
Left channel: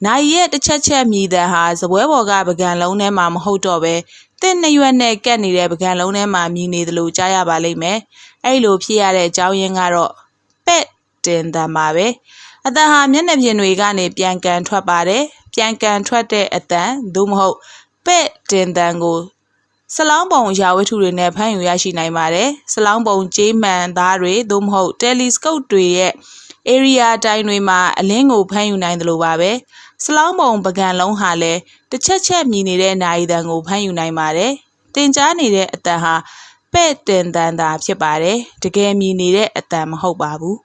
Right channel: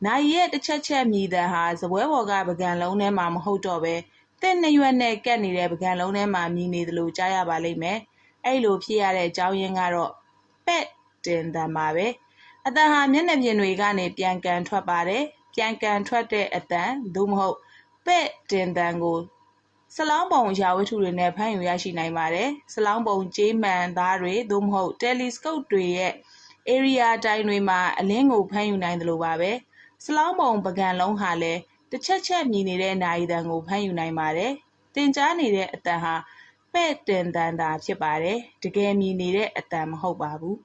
နိုင်ရဲ့တစ်ချက်ချက်မြည်တဲ့ဟာစပွဲပေါ်ကပကံလုံးထဲမှာမဟုတ်တော့ပဲတင်းနှရွက်နဲ့ကက်နေတဲ့ပကံလုံးထဲမှာမြည်နေသလိုကြားရပါလိမ့်မယ်အဲ့လိုဖြစ်ရတဲ့အကြောင်းရင်းကတော့ပဲ့တင်တန်ပါပဲအတန်ဟာမျက်နှာပြင်တွေကနေပြန်ကန်ထွက်ပါတယ်ပြန်ကန်ထွက်တဲ့အတန်သို့မဟုတ်ပဲ့တင်တန်ကိုစလောင်းပုံရာဝတ္ထုတွေနဲ့ဖမ်းယူရရှိနိုင်ပါတယ်စလောင်းပုံကြေးမှန်သားတွေသို့မဟုတ် telescope တွေရဲ့ area တိုင်းတွေမှာအလင်းကိုဖမ်းယူနိုင်တယ်လို့ပါပဲ စလောင်းပုံပကံလုံးဟာလည်းတစ်ချက်ချက်မြည်နေတဲ့နိုင်တန်ကိုဖမ်းယူနိုင်ပါတယ်တင်ကြားနေတဲ့အတန်ဟာပဲ့တင်တန်တာဖြစ်ပါတယ်တကယ်မြည်နေတဲ့အတန်မဟုတ်ပါဘူး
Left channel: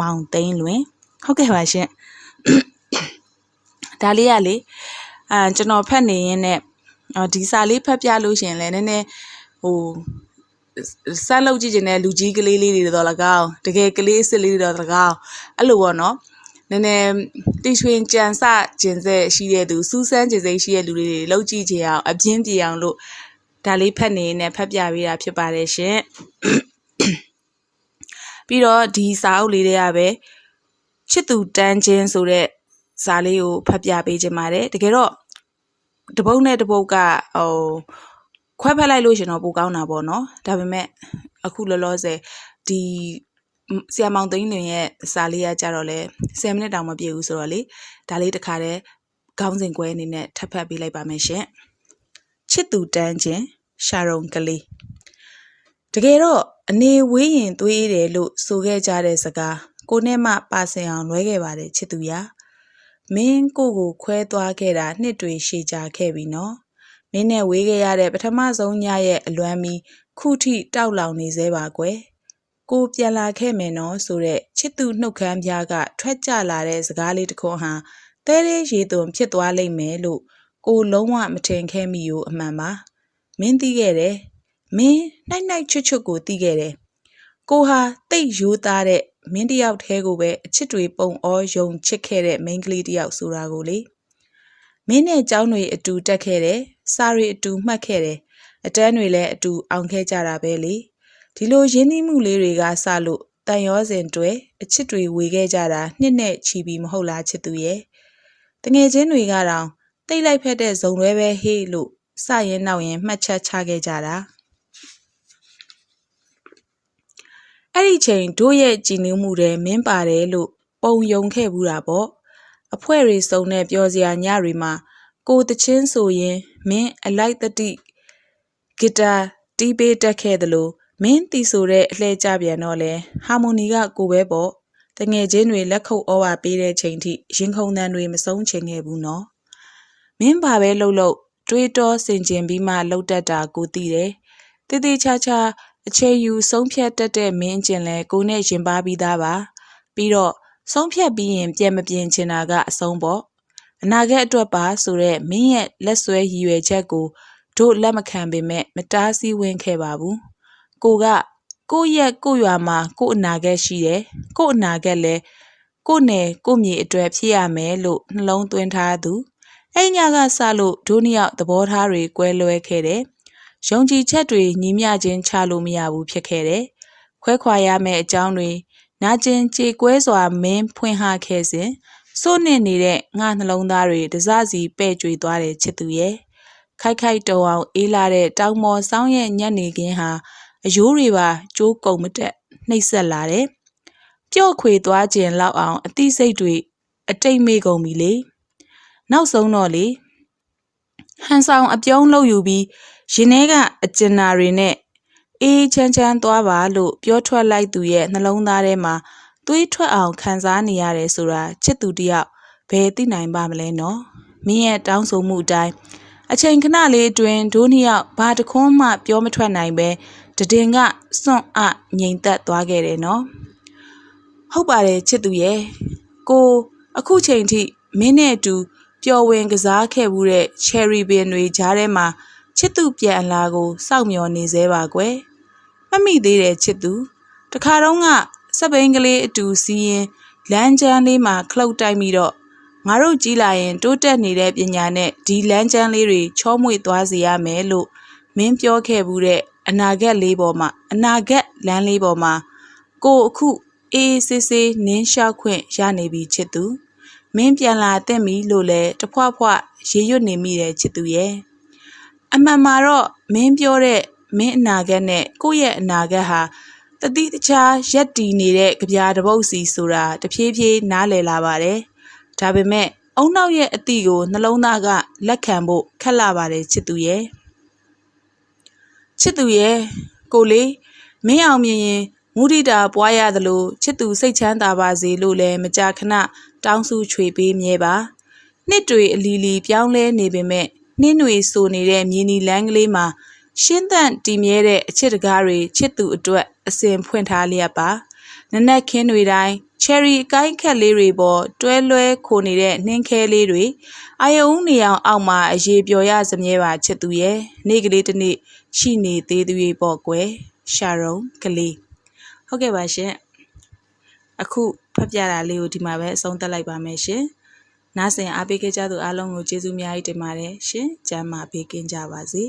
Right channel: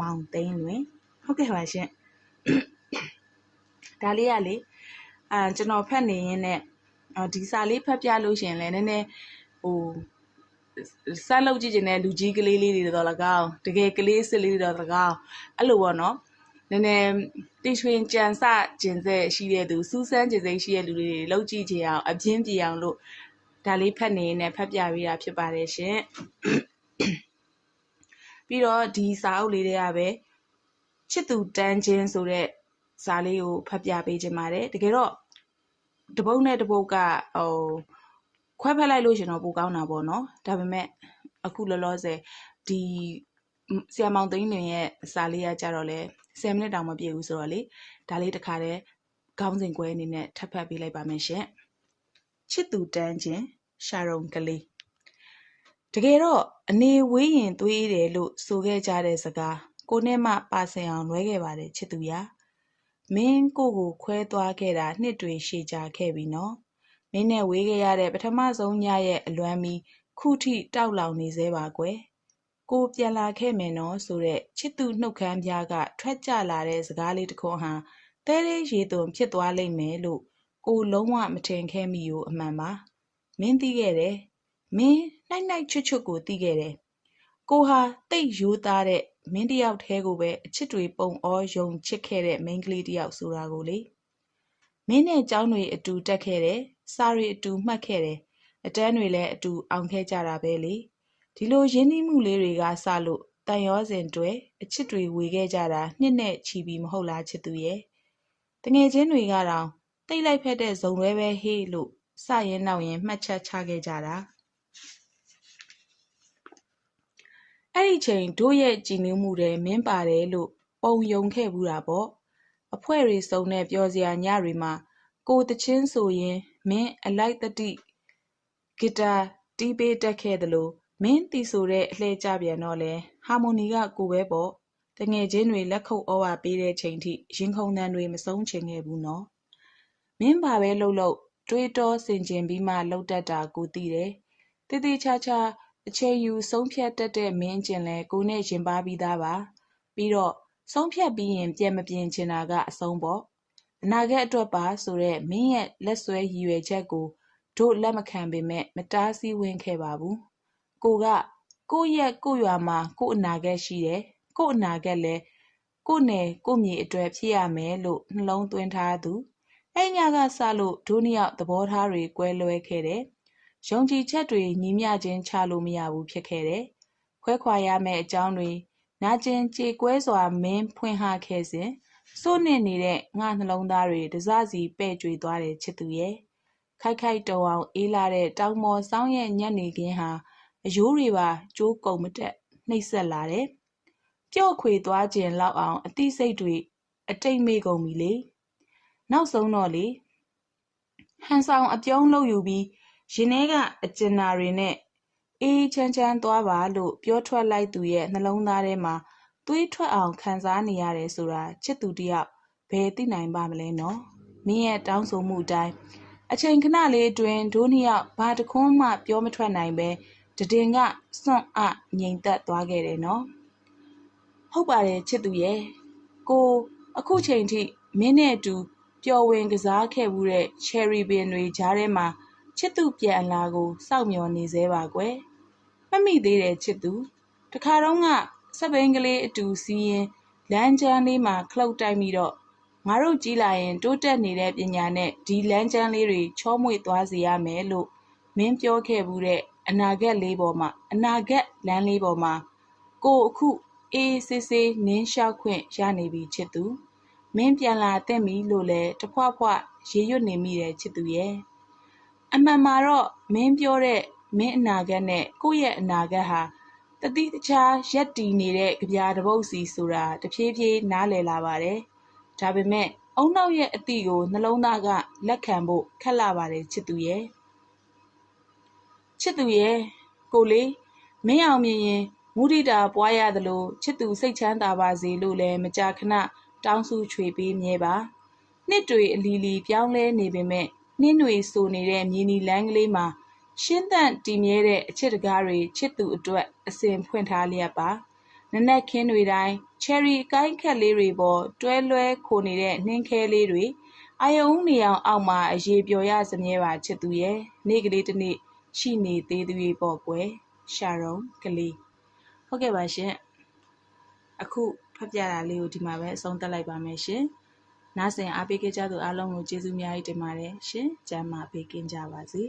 မောင်သိန်းလွင်ဟုတ်ကဲ့ပါရှင်ဒါလေးကလေအာကျွန်တော်ဖတ်နေရင်းနဲ့ဒီစာလေးဖတ်ပြလို့ရှင်လဲနည်းနည်းဟိုဆက်လုပ်ကြည့်ခြင်းနဲ့လူကြီးကလေးလေးတွေတော့လကောက်တကယ်ကလေးစစ်လေးတွေတော့လကောက်အဲ့လိုပေါ့နော် နည်းနည်းတိရွှင်ကြံစကျင်ဆက်ရှိတဲ့သူစူးစမ်းကျင်စိတ်ရှိတဲ့လူတွေလှုပ်ကြည့်ကြအောင်အပြင်းပြေအောင်လို့ဒါလေးဖတ်နေနဲ့ဖတ်ပြပေးတာဖြစ်ပါတယ်ရှင်ပြီးတော့ဒီစာအုပ်လေးတွေကပဲချစ်သူတန်းချင်းဆိုတဲ့စာလေးကိုဖတ်ပြပေးခြင်းပါတယ်တကယ်တော့တပုတ်နဲ့တပုတ်ကဟိုခွဲဖက်လိုက်လို့ရှင်တော့ပိုကောင်းတာပေါ့နော်ဒါပေမဲ့အခုလောလောဆယ်ဒီ ဆီယမောင်သိန်းလင်ရဲ့စာလေးကကြတော့လဲ10မိနစ်တောင်မပြည့်ဘူးဆိုတော့လေဒါလေးတစ်ခါတည်းခေါင်းစဉ်ကွဲအနေနဲ့ထပ်ဖတ်ပေးလိုက်ပါမယ်ရှင်ချစ်သူတန်းချင်းရှာရုံကလေးတကယ်တော့အနေဝေးရင်သွေးတယ်လို့ဆိုခဲ့ကြတဲ့စကားကိုနဲ့မှပါစင်အောင်လွဲခဲ့ပါတယ်ချစ်သူရာမင်းကိုကိုခွဲသွားခဲ့တာနှစ်တွေရှည်ကြာခဲ့ပြီနော်မင်းနဲ့ဝေးခဲ့ရတဲ့ပထမဆုံးညရဲ့အလွမ်းမီခုထိတောက်လောင်နေသေးပါကွယ် ကိုပြန်လာခဲ့မယ်နော်ဆိုတဲ့ချစ်သူနှုတ်ခမ်းပြားကထွက်ကြလာတဲ့စကားလေးတစ်ခုဟာတဲရဲရေသွန်ဖြစ်သွားလိမ့်မယ်လို့ကိုလုံးဝမထင်ခဲ့မိ ው အမှန်ပါမင်းသိခဲ့တယ်မင်းနိုင်နိုင်ချွတ်ချွတ်ကိုသိခဲ့တယ်ကိုဟာတိတ်ရိုးသားတဲ့မင်းတယောက်တည်းကိုပဲအချစ်တွေပုံဩယုံချစ်ခဲ့တဲ့မိန်းကလေးတယောက်ဆိုတာကိုလေမင်းနဲ့ကျောင်းတွေအတူတက်ခဲ့တယ်စာတွေအတူမှတ်ခဲ့တယ်အတန်းတွေလည်းအတူအောင်ခဲ့ကြတာပဲလေ ဒီလိုရင်းနှီးမှုလေးတွေကစလို့တန်ရောစဉ်တွဲအချစ်တွေဝေခဲ့ကြတာနှစ်နဲ့ချီပြီးမဟုတ်လားချစ်သူရဲ့တငယ်ချင်းတွေကတောင်တိတ်လိုက်ဖက်တဲ့ဇုံလွဲပဲဟေးလို့စရင်နောက်ရင်မှတ်ချက်ချခဲ့ကြတာအဲ့ဒီချိန်တို့ရဲ့ကြည်နူးမှုတွေမင်းပါတယ်လို့ပုံယုံခဲ့ဘူးတာပေါ့အဖွဲတွေစုံတဲ့ပြောစရာညတွေမှာကိုတချင်းဆိုရင်မင်းအလိုက်တတိဂီတာတီးပေးတက်ခဲ့တယ်လို့ မင်းတီဆိုတဲ့အလှဲကြပြန်တော့လဲဟာမိုနီကကိုပဲပေါ့တငယ်ချင်းတွေလက်ခုပ်ဩဝါပေးတဲ့ချိန်ထိရင်ခုန်တန်တွေမဆုံးချင်ခဲ့ဘူးနော်မင်းဘာပဲလှုပ်လှုပ်တွေးတောဆင်ခြင်ပြီးမှလှုပ်တတ်တာကိုသိတယ်တည်တည်ချာချာအချိန်ယူဆုံးဖြတ်တတ်တဲ့မင်းကျင်လဲကိုနဲ့ရင်ပါပြီးသားပါပြီးတော့ဆုံးဖြတ်ပြီးရင်ပြန်မပြင်ချင်တာကအဆုံးပေါ့အနာဂတ်အတွက်ပါဆိုတော့မင်းရဲ့လက်ဆွဲရည်ရွယ်ချက်ကိုတို့လက်မခံပေမဲ့မတားဆီးဝင်ခဲ့ပါဘူး ကိုကကိုရဲ့ကိုရွာမှာကိုအနာဂတ်ရှိတယ်ကိုအနာဂတ်လဲကိုနယ်ကိုမြေအတွက်ဖြစ်ရမယ်လို့နှလုံးသွင်းထားသူအဲ့ညကစလို့ဒုနှစ်ယောက်သဘောထားတွေကွဲလွဲခဲ့တယ်ယုံကြည်ချက်တွေညီမျှခြင်းချလို့မရဘူးဖြစ်ခဲ့တယ်ခွဲခွာရမယ့်အကြောင်းတွေနာကျင်ကြေကွဲစွာမင်းဖွင့်ဟခဲ့စဉ်စိုးနစ်နေတဲ့ငါနှလုံးသားတွေတစစီပဲ့ကြွေသွားတဲ့ချစ်သူရဲ့ခိုက်ခိုက်တုံအောင်အေးလာတဲ့တောင်မော်ဆောင်းရဲ့ညနေခင်းဟာ အယိုးတွေပါကျိုးကုံမတက်နှိပ်ဆက်လာတယ်။ပျော့ခွေသွားခြင်းလောက်အောင်အသိစိတ်တွေအတိတ်မေ့ကုန်ပြီလေ။နောက်ဆုံးတော့လေဟန်ဆောင်အပြုံးလုပ်ယူပြီးရင်ထဲကအကျဉ်နာတွေနဲ့အေးချမ်းချမ်းသွားပါလို့ပြောထွက်လိုက်သူရဲ့နှလုံးသားထဲမှာသွေးထွက်အောင်ခံစားနေရတယ်ဆိုတာချစ်သူတယောက်ဘယ်သိနိုင်ပါမလဲနော်။မင်းရဲ့တောင်းဆိုမှုအတိုင်းအချိန်ခဏလေးအတွင်းဒိုးနှစ်ယောက်ဘာတခွန်းမှပြောမထွက်နိုင်ပဲ တည်င်ကစွန့်အငြိမ်သက်သွားခဲ့တယ်နော်ဟုတ်ပါတယ်ချစ်သူရဲ့ကိုအခုချိန်ထိမင်းနဲ့အတူပျော်ဝင်ကစားခဲ့မှုတဲ့ cherry bean တွေကြားထဲမှာချစ်သူပြန်အလာကိုစောင့်မျှော်နေသေးပါကွယ်မမိသေးတယ်ချစ်သူတခါတော့ကစပိန်ကလေးအတူစီးရင်လမ်းကျန်းလေးမှာခလုတ်တိုက်ပြီးတော့ငါတို့ကြီးလာရင်တိုးတက်နေတဲ့ပညာနဲ့ဒီလမ်းကျန်းလေးတွေချောမွေ့သွားစေရမယ်လို့မင်းပြောခဲ့ဘူးတဲ့ အနာဂတ်လေးပေါ်မှာအနာဂတ်လမ်းလေးပေါ်မှာကိုအခုအေးဆေးဆေးနင်းလျှောက်ခွင့်ရနေပြီချစ်သူမင်းပြန်လာတဲ့မီလို့လဲတဖွဖွရေရွတ်နေမိတယ်ချစ်သူရဲ့အမှန်မှာတော့မင်းပြောတဲ့မင်းအနာဂတ်နဲ့ကိုယ့်ရဲ့အနာဂတ်ဟာတတိတခြားရက်တည်နေတဲ့ကြပြားတပုတ်စီဆိုတာတဖြည်းဖြည်းနားလည်လာပါတယ်ဒါပေမဲ့အုံနောက်ရဲ့အသည့်ကိုနှလုံးသားကလက်ခံဖို့ခက်လာပါတယ်ချစ်သူရဲ့ ချစ်သူရဲ့ကိုလေးမင်းအောင်မြင်ရင်မုဒိတာပွားရသလိုချစ်သူစိတ်ချမ်းသာပါစေလို့လည်းမကြာခဏတောင်းစုချွေပေးမြဲပါနှစ်တွေအလီလီပြောင်းလဲနေပေမဲ့နှင်းတွေဆိုနေတဲ့မြင်းနီလန်းကလေးမှာရှင်းသန့်တည်မြဲတဲ့အချစ်တကားတွေချစ်သူအတွက်အစဉ်ဖွင့်ထားလျက်ပါနနက်ခင်းတွေတိုင်းချယ်ရီအကိုင်းခက်လေးတွေပေါ်တွဲလွဲခိုနေတဲ့နှင်းခဲလေးတွေအာယုံနေအောင်အောက်မှာအရေးပျော်ရစမြဲပါချစ်သူရဲ့နေ့ကလေးတစ်နေ့ ရှိနေသေးသူတွေပေါ့ကွယ်ရှာရုံကလေးဟုတ်ကဲ့ပါရှင်အခုဖတ်ပြတာလေးကိုဒီမှာပဲအဆုံးသတ်လိုက်ပါမယ်ရှင်နားဆင်အားပေးခဲ့ကြသူအားလုံးကိုကျေးဇူးအများကြီးတင်ပါတယ်ရှင်ကျမ်းမာပေးကင်းကြပါစေ